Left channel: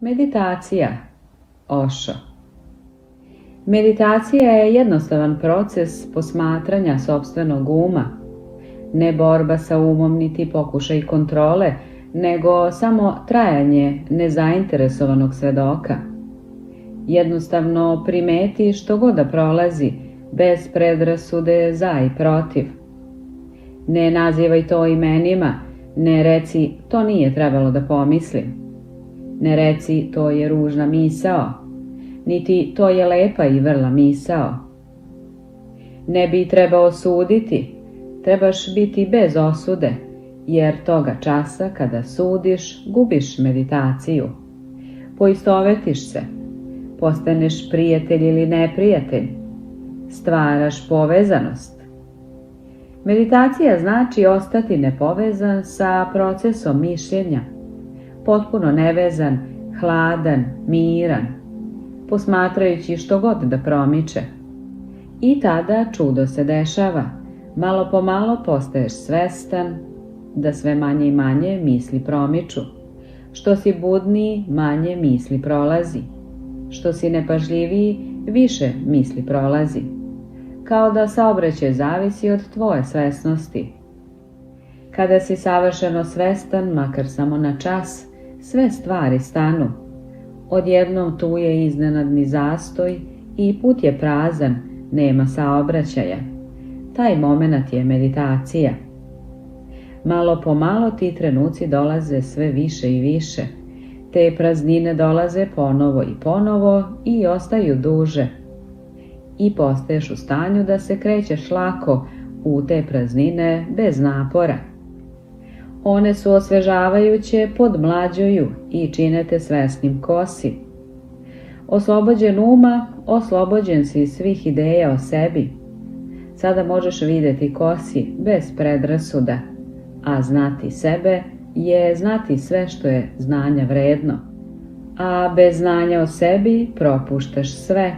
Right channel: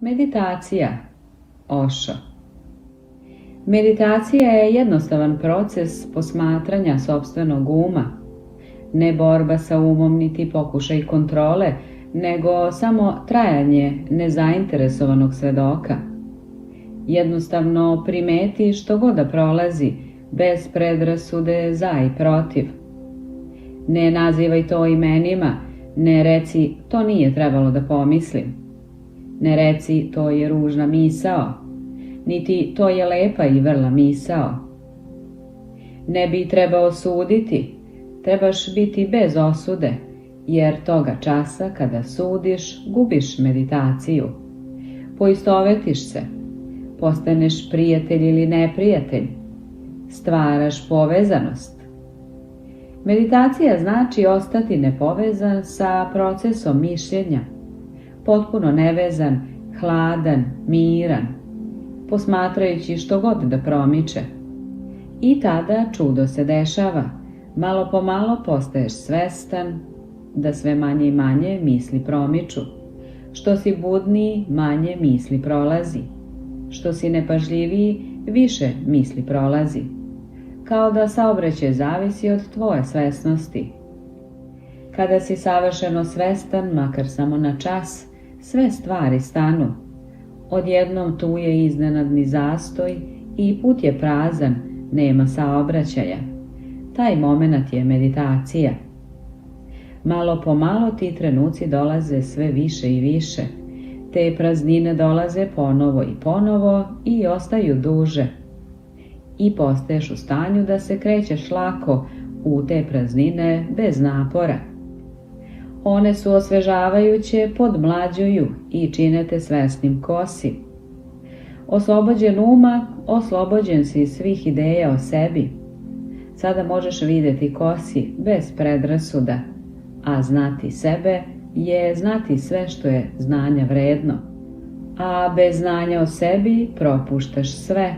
meditacija. Osho. Meditacija je jednostavan proces posmatranja sopstvenog uma, ne borba sa umom niti pokušaj kontrole, nego samo trajanje nezainteresovanog svedoka. Jednostavno primeti što god da prolazi, bez predrasude za i protiv. Ne nazivaj to imenima, ne reci to nije trebalo da pomislim. Ne reci to je ružna misao, niti to je lepa i vrla misao. Ne bi trebao suditi, trebaš biti bez osude, jer toga časa kada sudiš, gubiš meditaciju. Poistovetiš se, postaneš prijatelj ili neprijatelj, stvaraš povezanost. Meditacija znači ostati nepovezan sa procesom mišljenja, potpuno nevezan, hladan, miran, posmatrajući što god da promiče. I tada čudo se dešava, malo po malo postaješ svestan da sve manje i manje misli promiču. Što si budniji, manje misli prolazi. Što si nepažljiviji, više misli prolazi. Kao da saobraćaj zavisi od tvoje svesnosti. Kada si savršeno svestan, makar samo na čas, sve stvari stanu. Odjednom tu je iznenadni zastoj i put je prazan, nema saobraćaja. Taj moment je meditacija. Malo po malo ti trenuci dolaze sve više i više. Te praznine dolaze ponovo i ponovo i ostaju duže. I postaješ u stanju da se krećeš lako u te praznine bez napora. One su osvežavajuće, podmlađuju i čine te svesnim ko si. Oslobođen uma, oslobođen si svih ideja o sebi. Sada možeš vidjeti ko si bez predrasuda, a znati sebe je znati sve što je znanja vredno. A bez znanja o sebi propuštaš sve.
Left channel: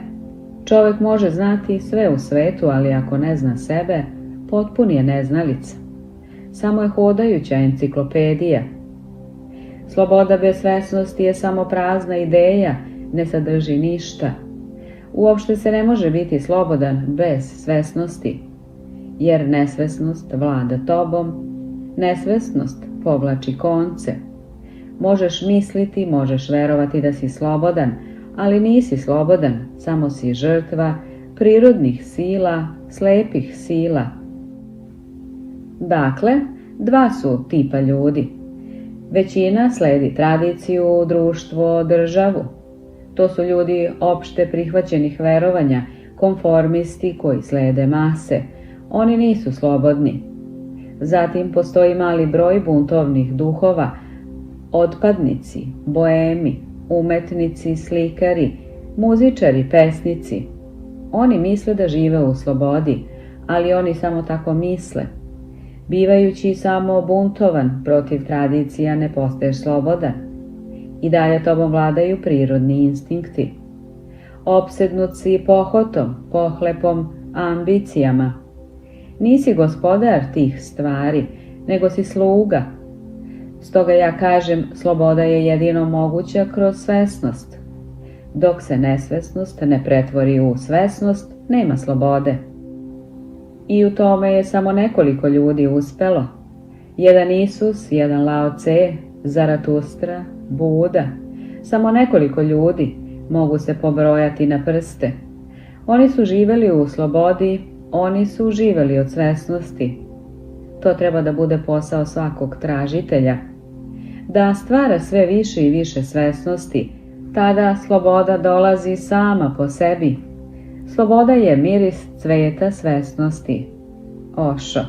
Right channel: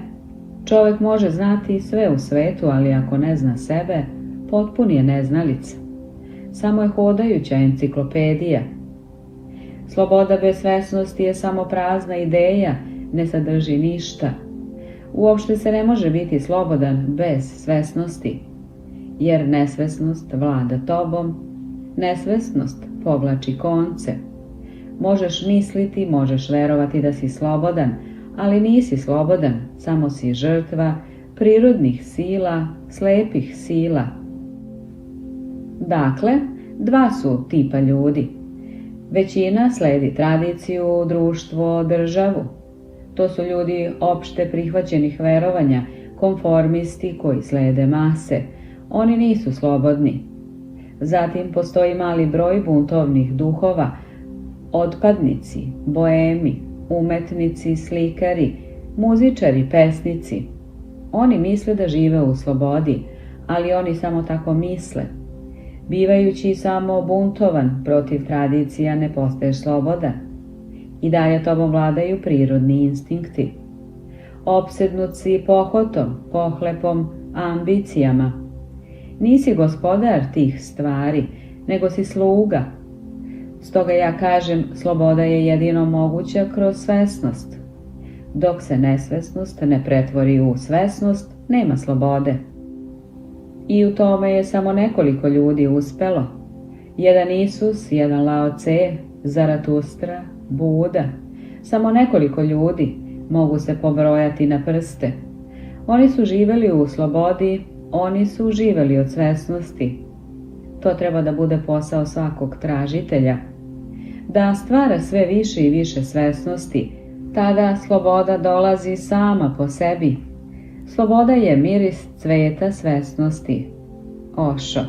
Čovjek može znati sve u svetu, ali ako ne zna sebe, potpun je neznalica. Samo je hodajuća enciklopedija. Sloboda bez svesnosti je samo prazna ideja, ne sadrži ništa. Uopšte se ne može biti slobodan bez svesnosti, jer nesvesnost vlada tobom, nesvesnost povlači konce. Možeš misliti, možeš verovati da si slobodan, ali nisi slobodan, samo si žrtva prirodnih sila, slepih sila. Dakle, dva su tipa ljudi. Većina sledi tradiciju, društvo, državu. To su ljudi opšte prihvaćenih verovanja, konformisti koji slede mase. Oni nisu slobodni. Zatim postoji mali broj buntovnih duhova, otpadnici, boemi, umetnici, slikari, muzičari, pesnici. Oni misle da žive u slobodi, ali oni samo tako misle. Bivajući samo buntovan protiv tradicija ne postaješ slobodan. I dalje tobom vladaju prirodni instinkti. Opsednut si pohotom, pohlepom, ambicijama. Nisi gospodar tih stvari, nego si sluga. Stoga ja kažem, sloboda je jedino moguća kroz svesnost. Dok se nesvesnost ne pretvori u svesnost, nema slobode. I u tome je samo nekoliko ljudi uspelo. Jedan Isus, jedan Lao Tse, Zaratustra, Buda. Samo nekoliko ljudi mogu se pobrojati na prste. Oni su živjeli u slobodi, oni su živjeli od svesnosti. To treba da bude posao svakog tražitelja. Da stvara sve više i više svesnosti, tada sloboda dolazi sama po sebi. Sloboda je miris cveta svesnosti. Osho.